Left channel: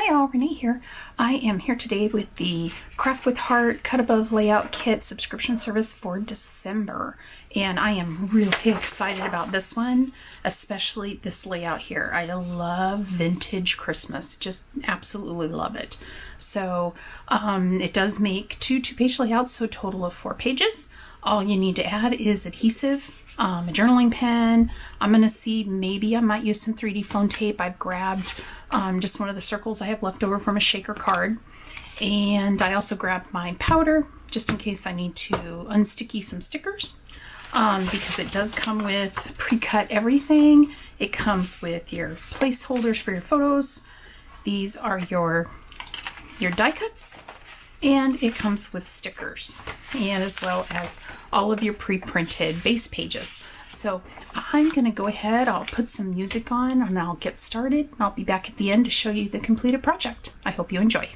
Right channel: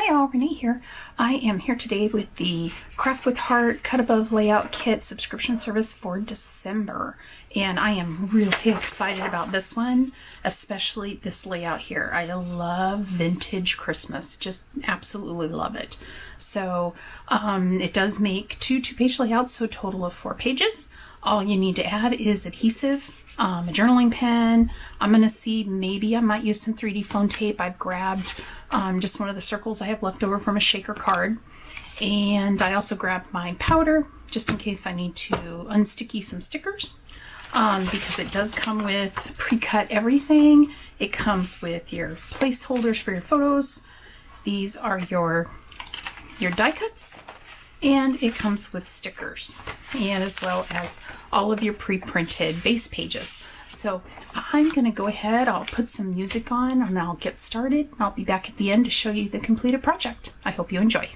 Hi all, Renee here. I am here today with the Craft with Heart Cut Above Layout Kit subscription service for December. And I am really excited about this one, especially this layout here. I love vintage Christmas, just absolutely love it. So it does make two-page layouts, so a total of 4 pages. All you need to add is adhesive, a journaling pen. I'm going to see, maybe I might use some 3D foam tape. I've grabbed just one of the circles I have left over from a shaker card. And I also grabbed my powder just in case I need to unsticky some stickers, because it does come with pre-cut everything. It comes with your placeholders for your photos. These are your die cuts. And it comes with stickers, and as well as all of your pre-printed base pages. So I'm going to go ahead, I'll put some music on, and I'll get started. I'll be back at the end to show you the completed project. I hope you enjoy.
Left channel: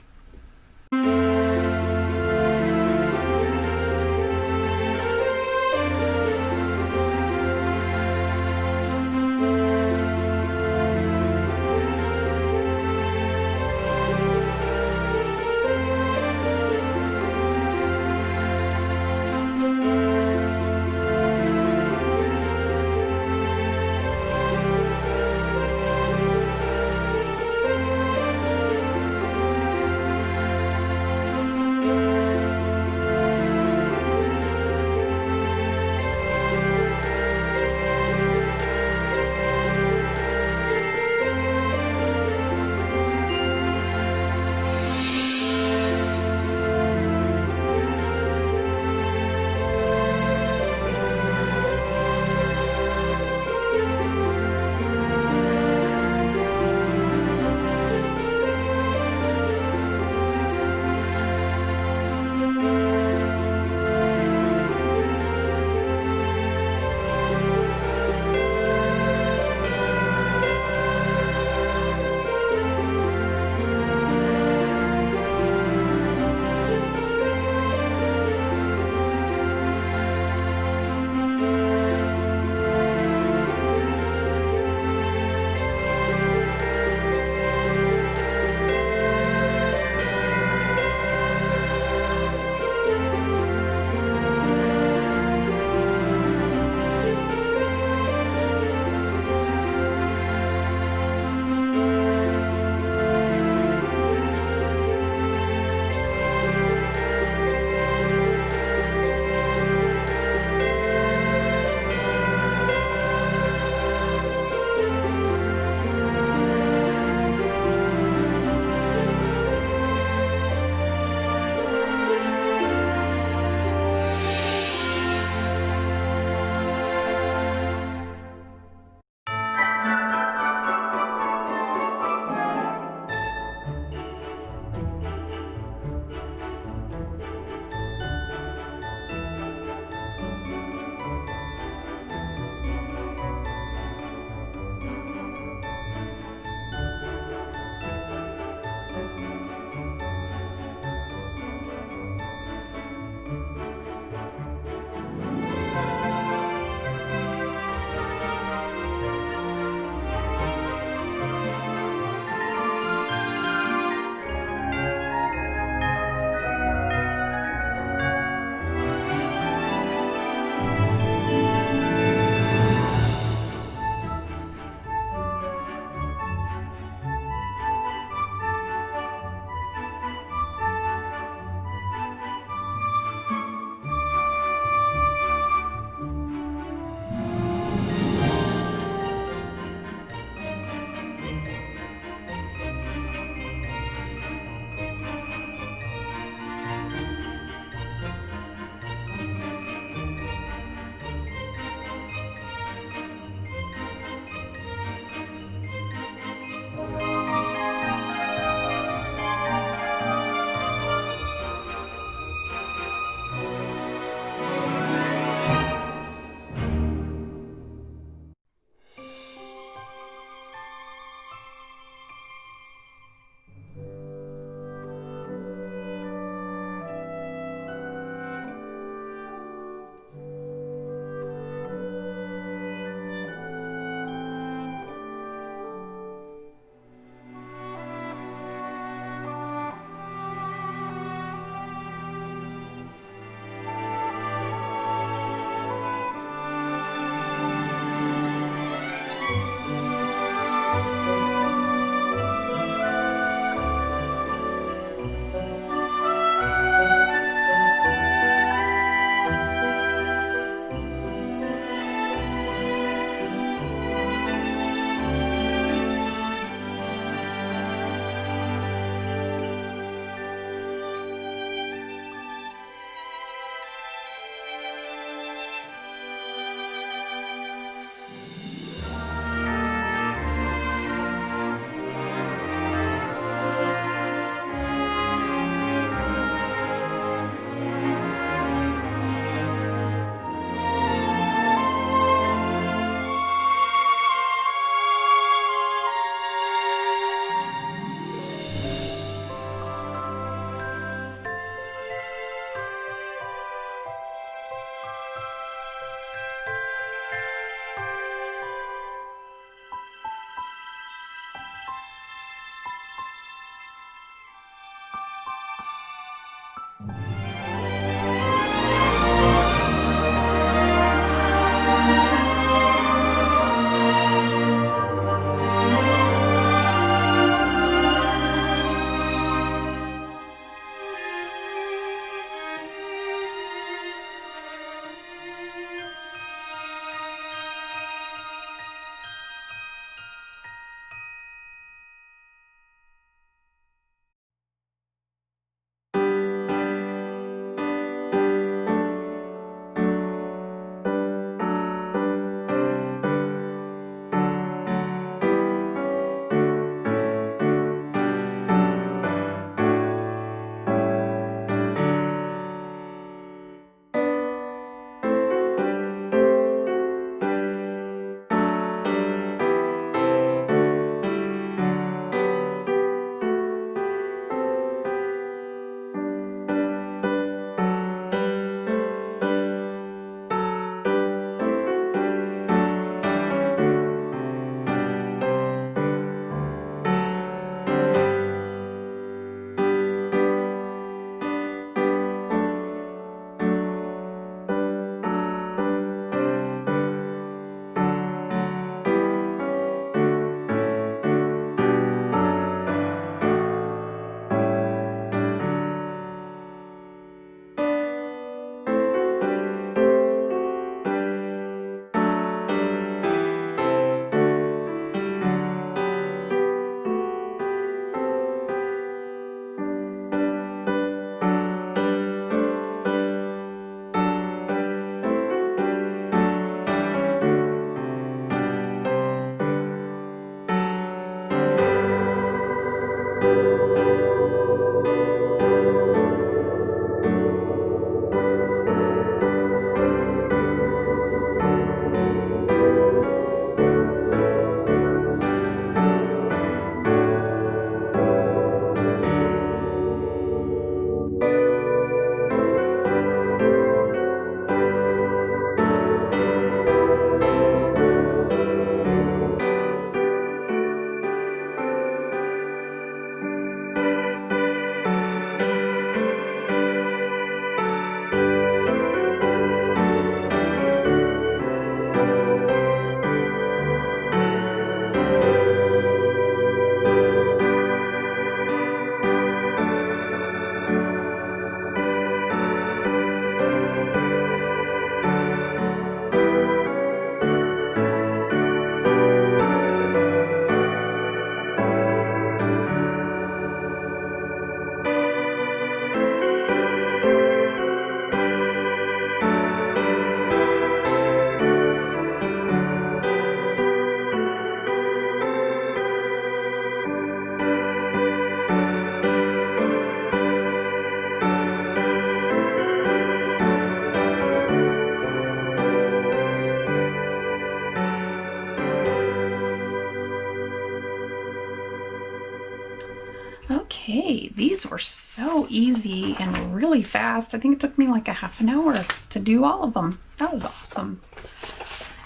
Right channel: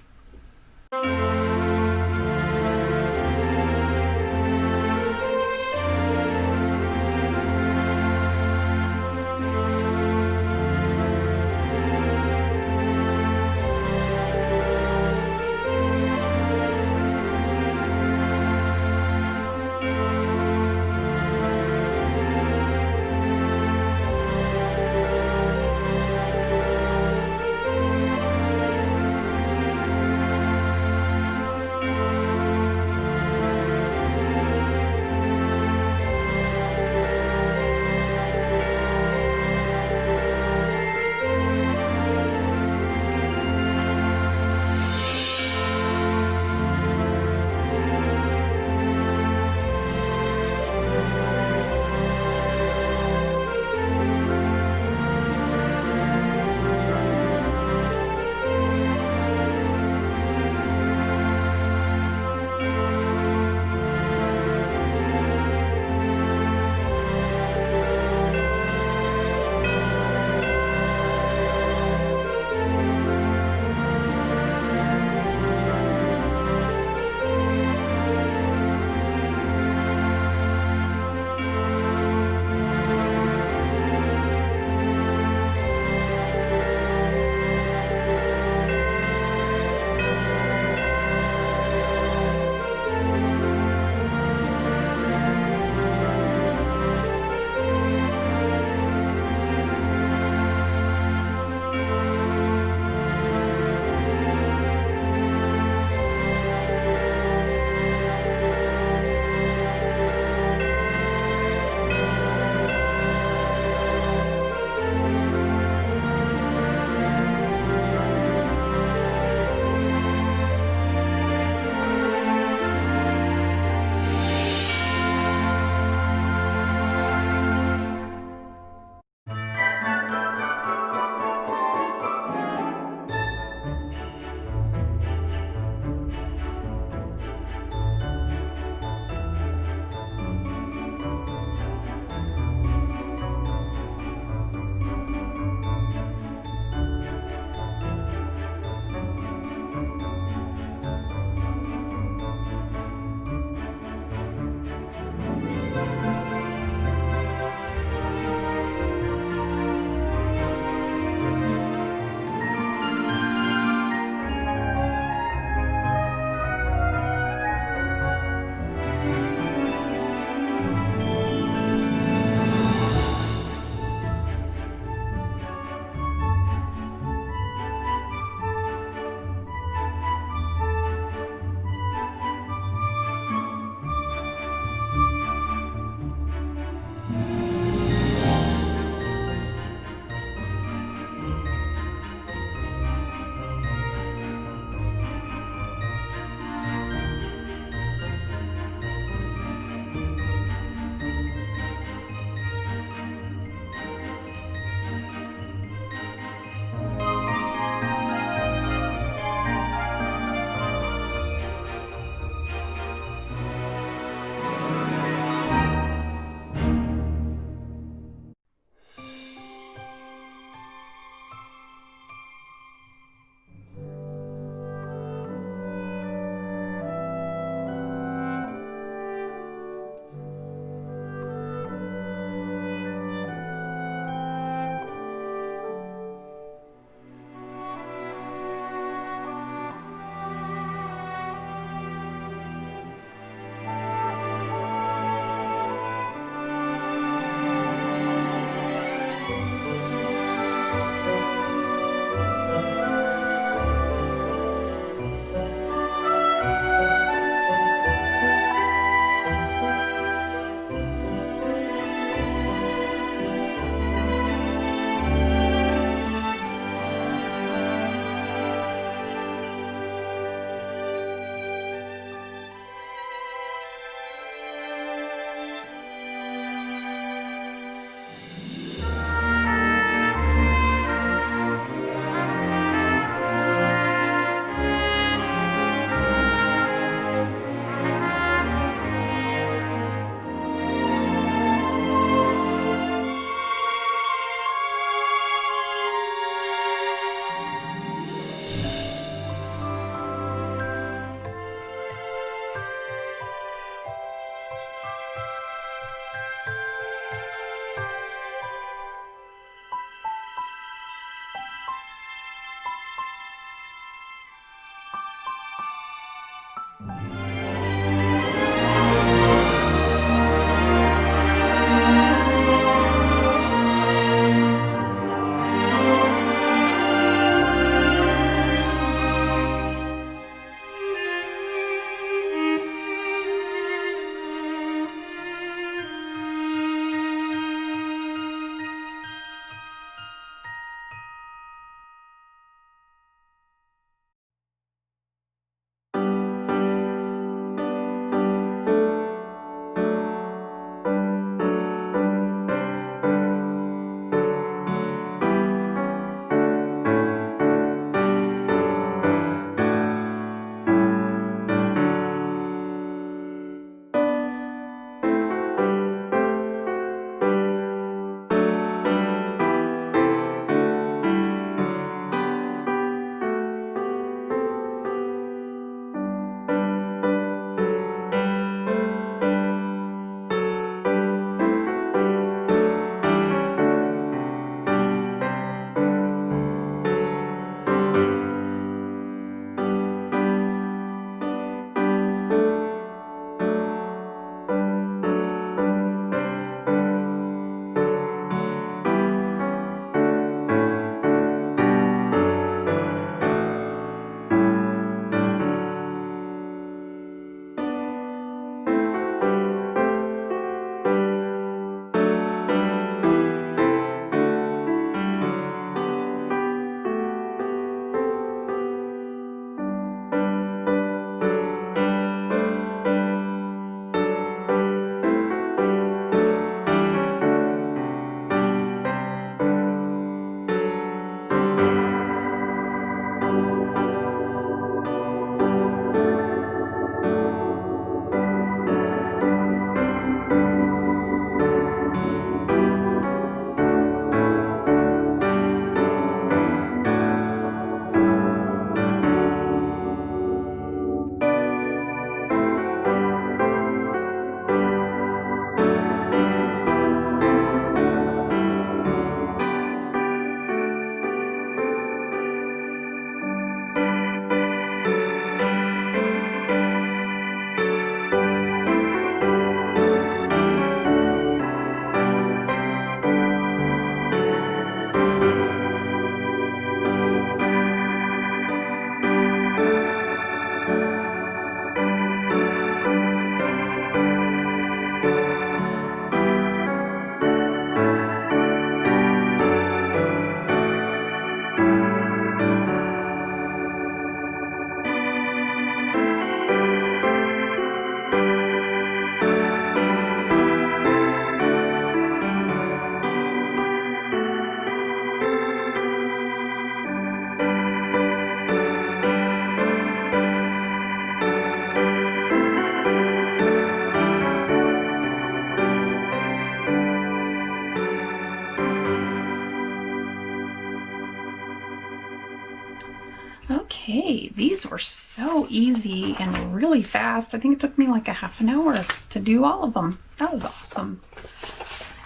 Okay, these were so easy and really fast. I think it took me like a half an hour to do all of them. That was awesome.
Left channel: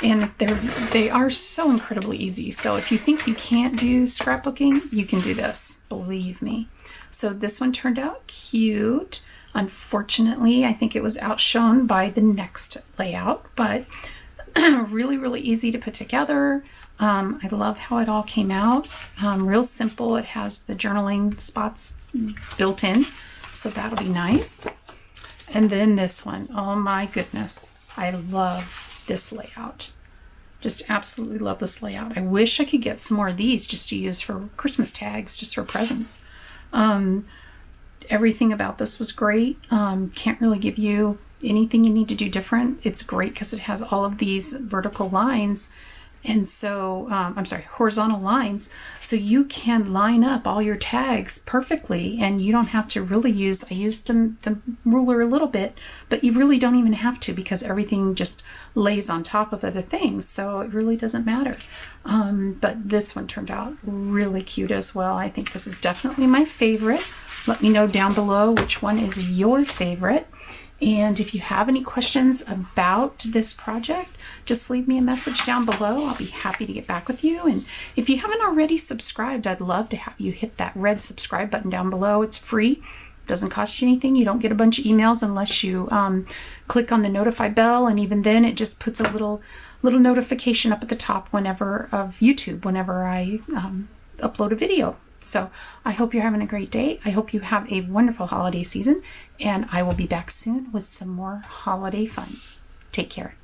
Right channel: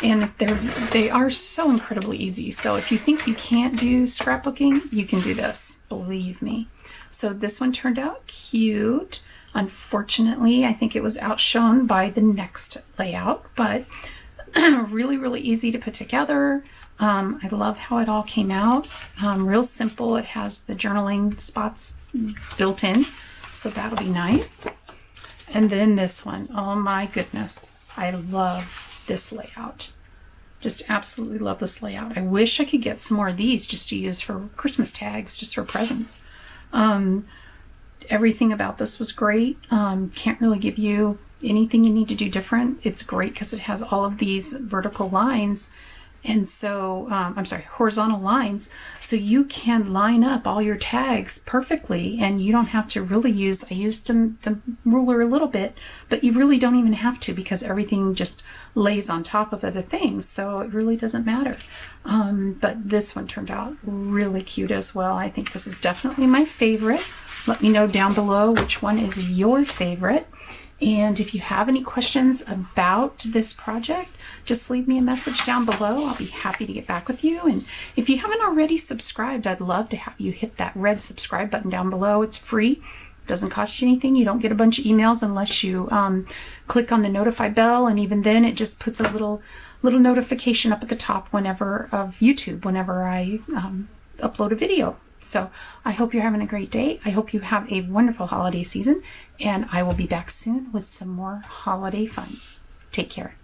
And they are so incredibly easy. So if you think you can't do scrapbooking, you can do this, believe me. So this one turned out cute. Unfortunately, I think it was outshone by the next layout, but really, really easy to put together. I love how it all came out. Real simple. It has the journaling spots built in, so that'll be nice. And then this one, oh my goodness, I love this layout. Just absolutely love this layout. I wish I could get some more of these just to use for Christmas tags, just for presents. Everything about this was great. Can't really give you anything you need to do different. It's great because it has all of these vertical lines. And so, horizontal lines. So you can line up all your tags perfectly, and you don't have to really I used the ruler a little bit, but you really don't even have to because everything just lays on top of other things. So it really doesn't matter. But this one turned out really cute as well. I think this is definitely my favorite. Let me know down below which one is your favorite. And if you have any questions about this project, just leave me a message down below. I'll be happy to get back with you. And if you haven't already subscribed, I'd love to have you hit that red subscribe button down below. It's free. Doesn't cost you anything. You don't get a bunch of emails unless you click on the notify bell. And even then, it just puts a little notification up at the top of YouTube whenever I upload a video. So I hope you're having a great day. I hope you have a wonderful holiday season, and I will be back soon with some more holiday fun. Take care.